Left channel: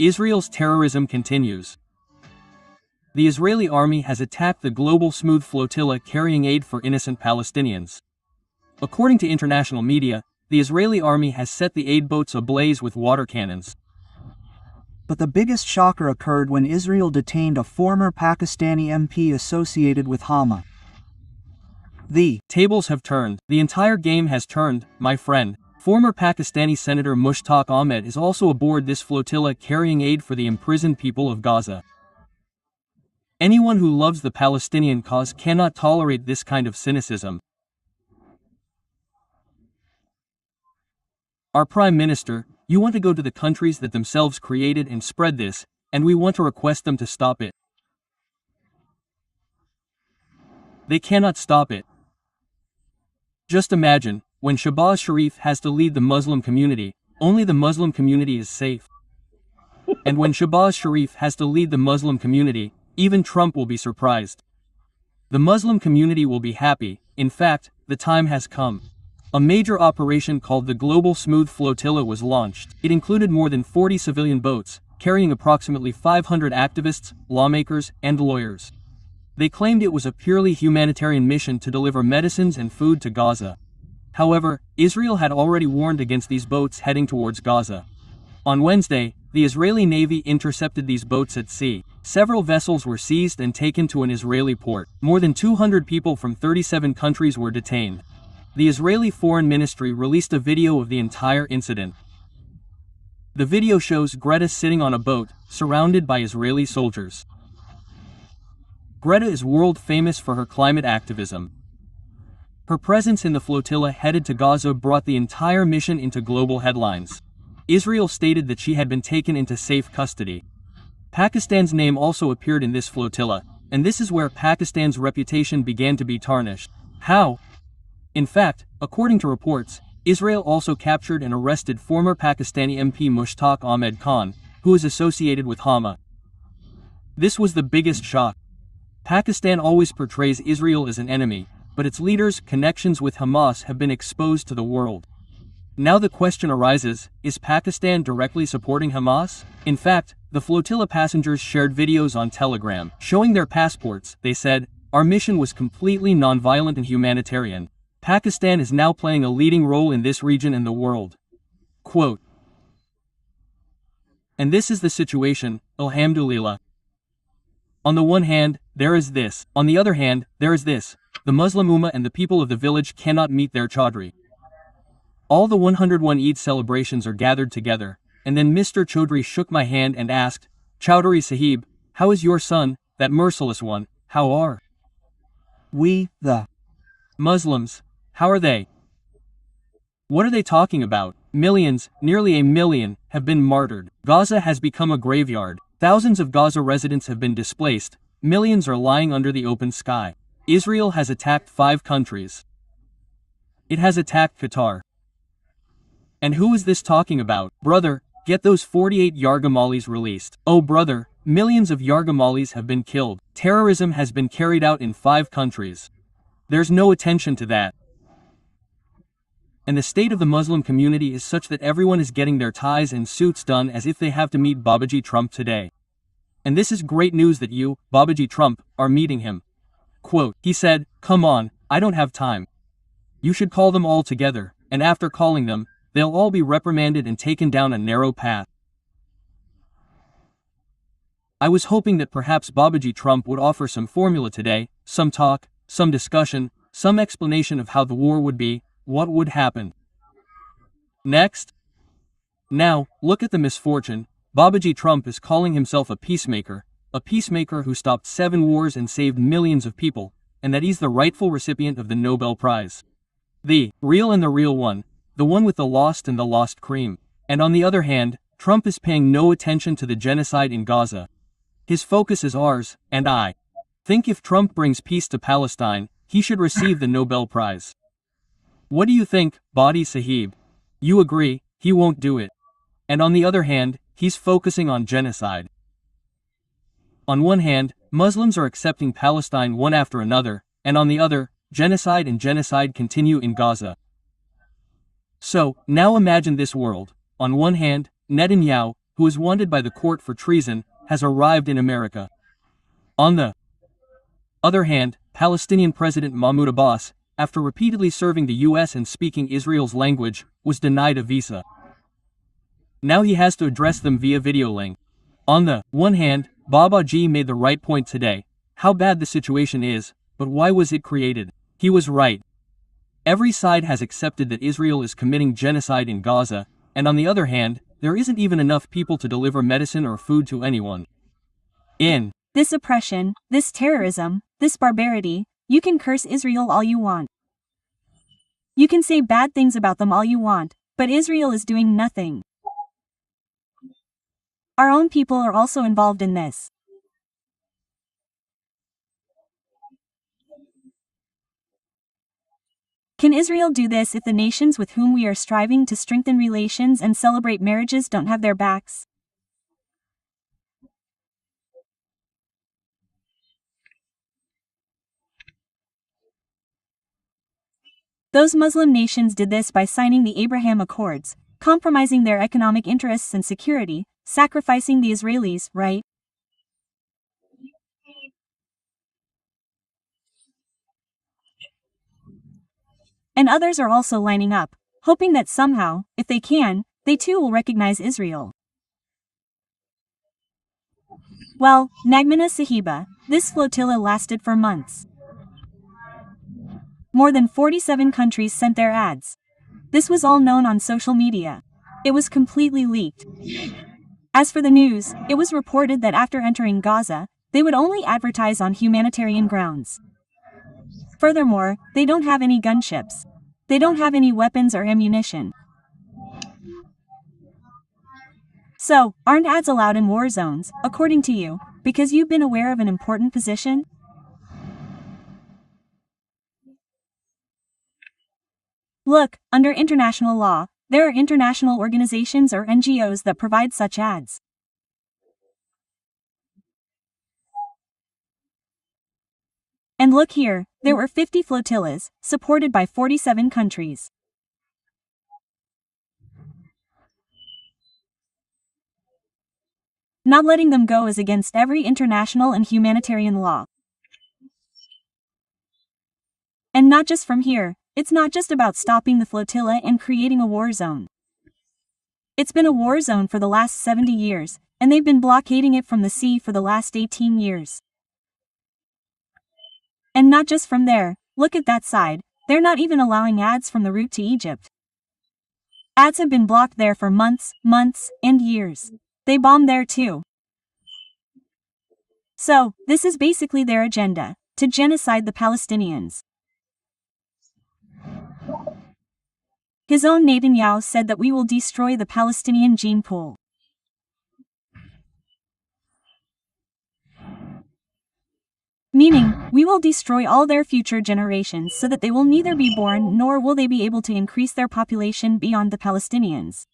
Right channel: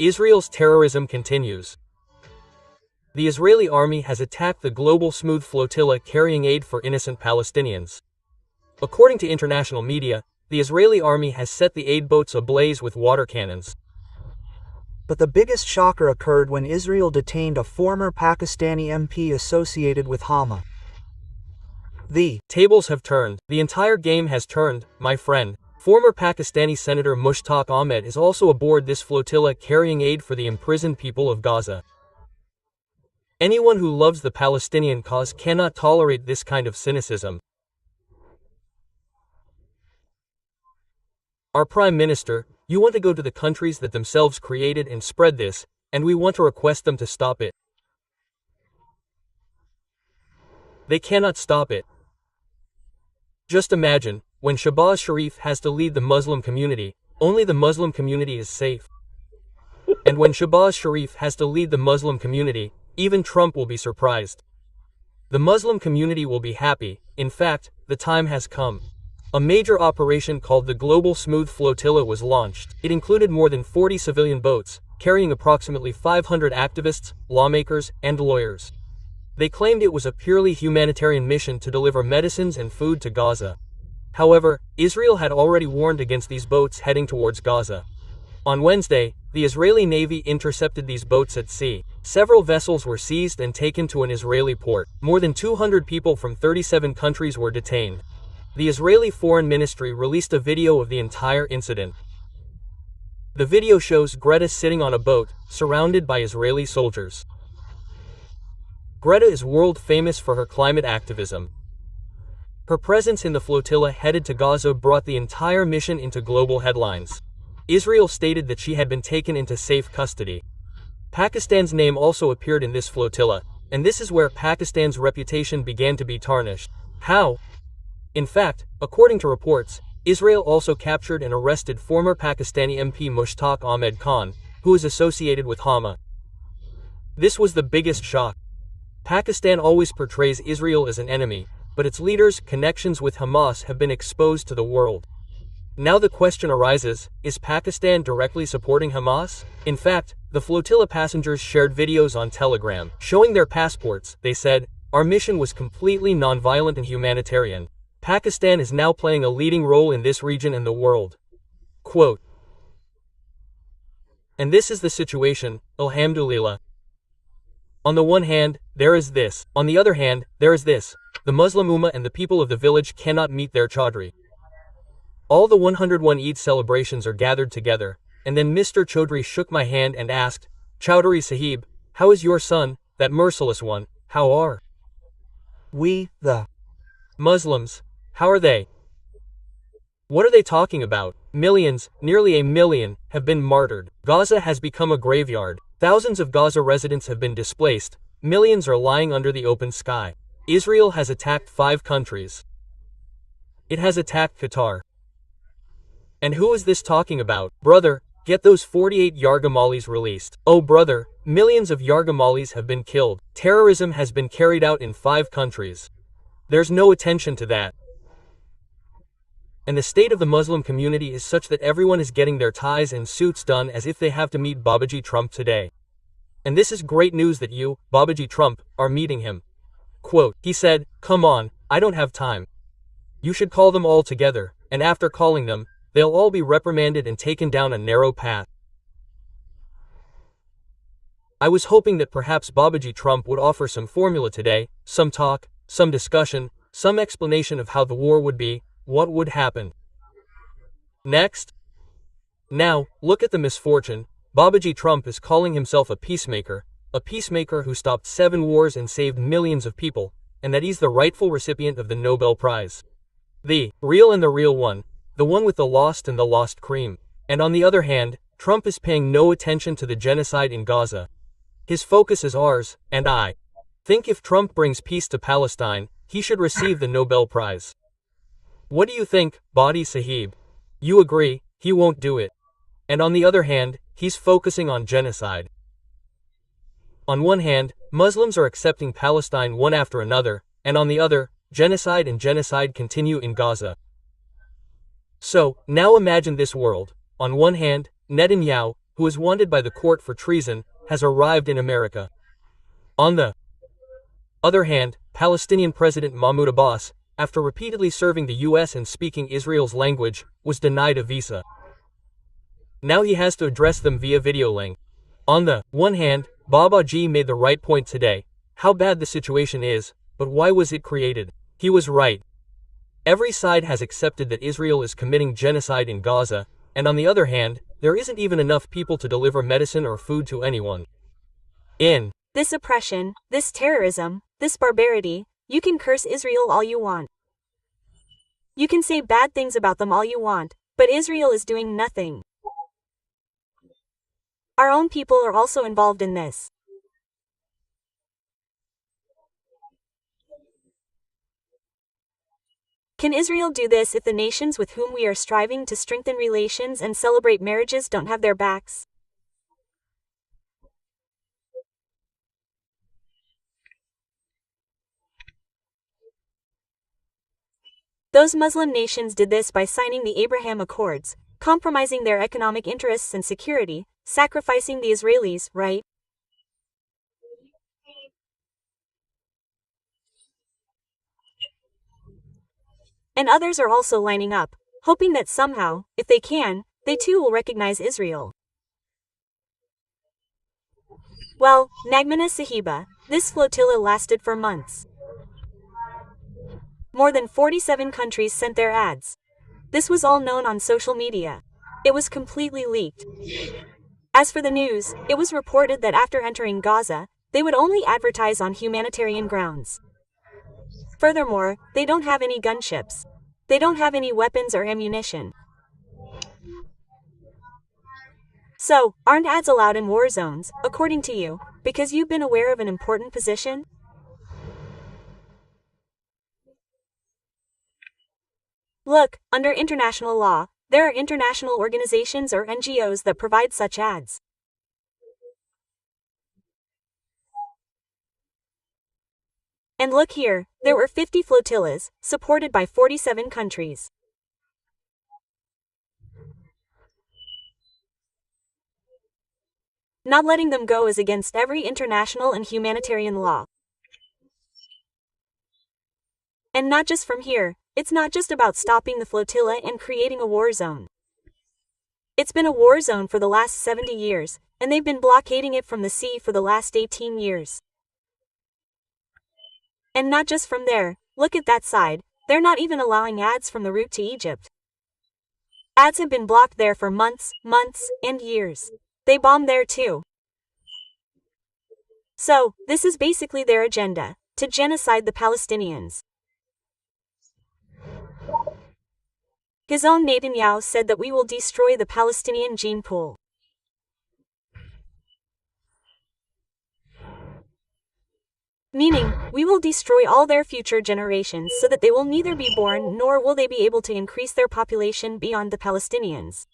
Israel's terrorism continues. The Israeli army has attacked the global Smooth flotilla carrying aid for innocent Palestinians. According to international media, the Israeli army has set the aid boats ablaze with water cannons. But the biggest shocker occurred when Israel detained a former Pakistani MP associated with Hamas. The tables have turned. The entire game has turned, my friend. Former Pakistani Senator Mushtaq Ahmed is also aboard this flotilla carrying aid for the imprisoned people of Gaza. Anyone who loves the Palestinian cause cannot tolerate this kind of cynicism. Our Prime Minister, you want to go to the countries that themselves created and spread this, and we want to request them to stop it. They cannot stop it. Just imagine, when Shahbaz Sharif has to lead the Muslim community, only the Muslim community is safe. And when Shahbaz Sharif has to lead the Muslim community, even Trump will be surprised. The Muslim community will be happy. In fact, the time has come. A major operation called the Global Smooth Flotilla was launched. It included more than 40 civilian boats, carrying approximately 500 activists, lawmakers, and lawyers. They claimed it was a purely humanitarian mission to deliver medicines and food to Gaza. However, Israel had already warned against these boats heading towards Gaza. On Wednesday, the Israeli Navy intercepted these boats at sea. Several vessels were seized and taken to an Israeli port. More than 200 people from 37 countries were detained. The Israeli Foreign Ministry released a video of the entire incident. The video shows Greta sitting on a boat, surrounded by Israeli soldiers. Greta is world famous for her climate activism. Her presence in the flotilla headed to Gaza brought the entire mission into global headlines. Israel stated that she had been taken into safe custody. Pakistan's name also appeared in this flotilla, and this is where Pakistan's reputation began to be tarnished. How? In fact, according to reports, Israel also captured and arrested former Pakistani MP Mushtaq Ahmed Khan, who is associated with Hamas. This was the biggest shock. Pakistan always portrays Israel as an enemy, but its leaders' connections with Hamas have been exposed to the world. Now the question arises, is Pakistan directly supporting Hamas? In fact, the flotilla passengers shared videos on Telegram, showing their passports. They said, "Our mission was completely non-violent and humanitarian. Pakistan is now playing a leading role in this region and the world." Quote. And this is the situation, alhamdulillah. On the one hand, there is this. On the other hand, there is this. The Muslim Ummah and the people of the village cannot meet their Chaudhry. All the 101 Eid celebrations are gathered together, and then Mr. Chaudhry shook my hand and asked, "Chaudhry Sahib, how is your son, that merciless one, how are we, the Muslims, how are they? What are they talking about?" Millions, nearly a million, have been martyred. Gaza has become a graveyard. Thousands of Gaza residents have been displaced. Millions are lying under the open sky. Israel has attacked 5 countries. It has attacked Qatar. And who is this talking about? Brother, get those 48 Yargamalis released. Oh brother, millions of Yargamalis have been killed. Terrorism has been carried out in 5 countries. There's no attention to that. And the state of the Muslim community is such that everyone is getting their ties and suits done as if they have to meet Babaji Trump today. And this is great news that you, Babaji Trump, are meeting him. Quote, he said, "Come on, I don't have time. You should call them all together, and after calling them, they'll all be reprimanded and taken down a narrow path." I was hoping that perhaps Babaji Trump would offer some formula today, some talk, some discussion, some explanation of how the war would be, what would happen next. Now, look at the misfortune. Babaji Trump is calling himself a peacemaker who stopped 7 wars and saved millions of people, and that he's the rightful recipient of the Nobel Prize. The real and the real one, the one with the lost and the lost cream. And on the other hand, Trump is paying no attention to the genocide in Gaza. His focus is ours, and I think if Trump brings peace to Palestine, he should receive the Nobel Prize. What do you think, Badi Sahib? You agree, he won't do it. And on the other hand, he's focusing on genocide. On one hand, Muslims are accepting Palestine one after another, and on the other, genocide and genocide continue in Gaza. So, now imagine this world. On one hand, Netanyahu, who is wanted by the court for treason, has arrived in America. On the other hand, Palestinian President Mahmoud Abbas, after repeatedly serving the US and speaking Israel's language, was denied a visa. Now he has to address them via video link. On the one hand, Baba G made the right point today. How bad the situation is, but why was it created? He was right. Every side has accepted that Israel is committing genocide in Gaza, and on the other hand, there isn't even enough people to deliver medicine or food to anyone. In this oppression, this terrorism, this barbarity, you can curse Israel all you want. You can say bad things about them all you want, but Israel is doing nothing. Our own people are also involved in this. Can Israel do this if the nations with whom we are striving to strengthen relations and celebrate marriages don't have their backs? Those Muslim nations did this by signing the Abraham Accords, compromising their economic interests and security, sacrificing the Israelis, right? And others are also lining up, hoping that somehow, if they can, they too will recognize Israel. Well, Nagmana Sahiba, this flotilla lasted for months. More than 47 countries sent their ads. This was all known on social media. It was completely leaked. As for the news, it was reported that after entering Gaza, they would only advertise on humanitarian grounds. Furthermore, they don't have any gunships. They don't have any weapons or ammunition. So, aren't ads allowed in war zones, according to you, because you've been aware of an important position? Look, under international law, there are international organizations or NGOs that provide such ads. And look here, there were 50 flotillas, supported by 47 countries. Not letting them go is against every international and humanitarian law. And not just from here, it's not just about stopping the flotilla and creating a war zone. It's been a war zone for the last 70 years, and they've been blockading it from the sea for the last 18 years. And not just from there, look at that side, they're not even allowing ads from the route to Egypt. Ads have been blocked there for months, and years. They bomb there too. So, this is basically their agenda, to genocide the Palestinians. His own Netanyahu said that we will destroy the Palestinian gene pool. Meaning, we will destroy all their future generations so that they will neither be born nor will they be able to increase their population beyond the Palestinians.